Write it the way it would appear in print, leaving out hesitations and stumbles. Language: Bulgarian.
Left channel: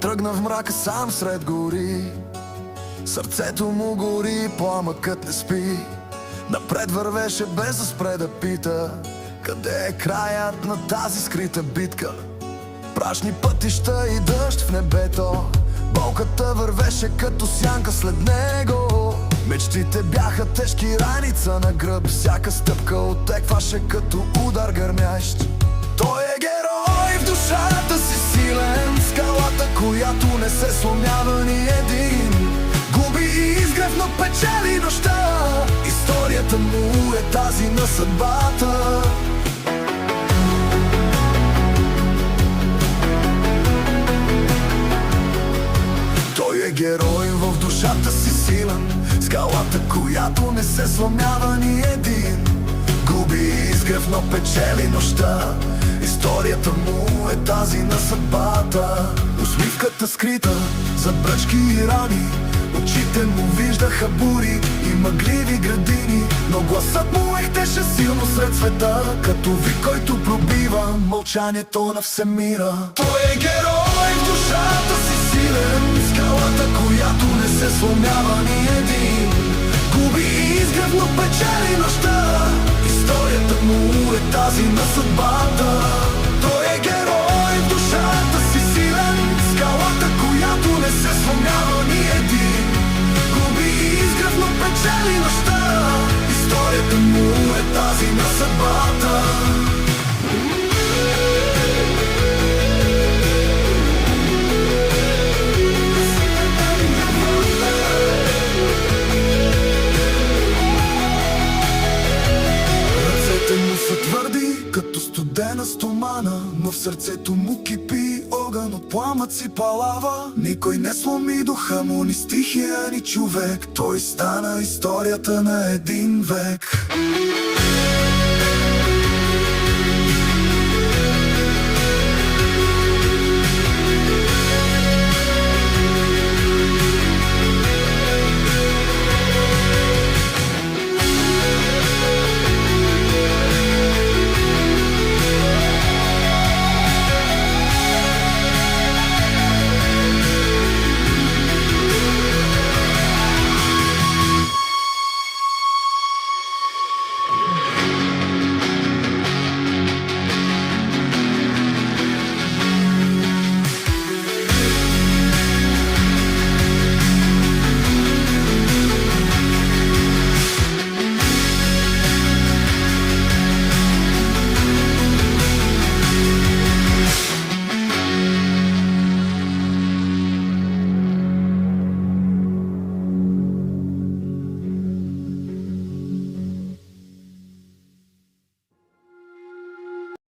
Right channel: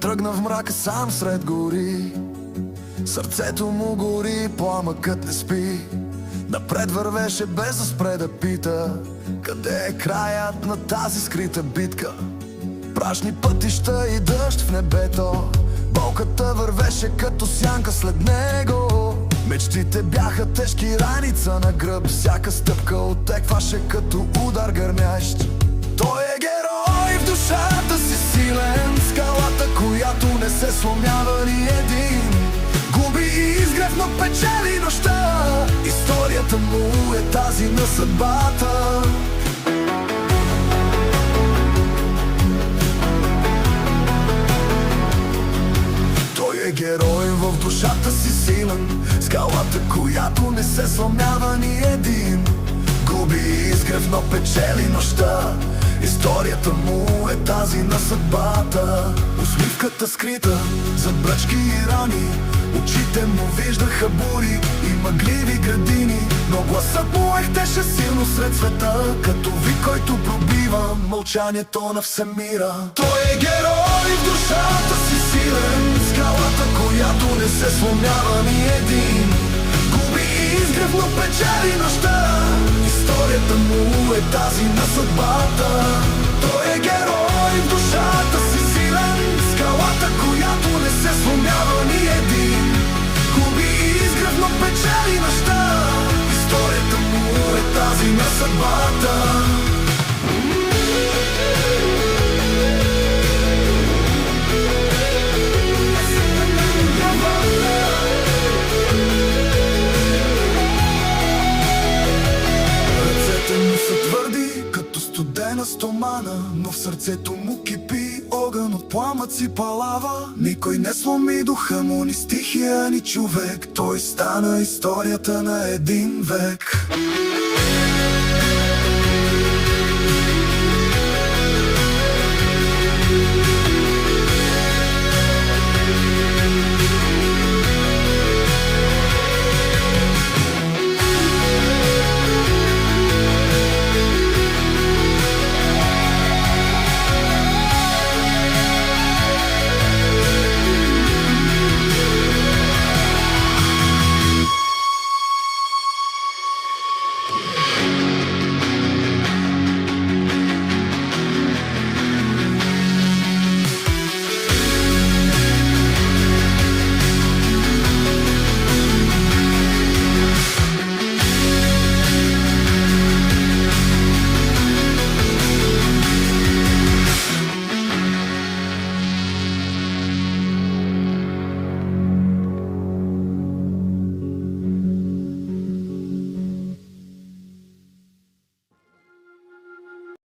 тръгна в мрака сам сред гори. Сърцето му гори, пламъкът не спи. Напред вървеше без да спре да пита: къде е краят на тази скрита битка? Прашни пътища и дъжд в небето, болката вървеше като сянка след него. Мечтите бяха тежки раница на гръб, всяка стъпка отекваше като удар гърмящ. Той е герой в душата си силен, скалата, която не се сломява ни един. Губи изгрев, но печели нощта, историята му е тази на съдбата. Той е герой в душата си силен, скалата, която не се сломява ни един. Губи изгрев, но печели нощта, историята му е тази на съдбата. Усмивката скрита зад бръчки и рани, очите му виждаха бури и мъгливи градини, но гласът му ехтеше силно сред света, като вик, който пробива мълчанието на всемира. Той е герой в душата си силен, скалата, която не се сломява ни един. Губи изгрев, но печели нощта, историята му е тази на съдбата. Той е герой в душата си силен, скалата, която не се сломява ни един. Губи изгрев, но печели нощта, историята му е тази на съдбата. Твърди като студена стомана, но в сърцето му кипи огън от пламъци палава. Никой не сломи духа му, ни стихия, ни човек. Той стана историята на един век.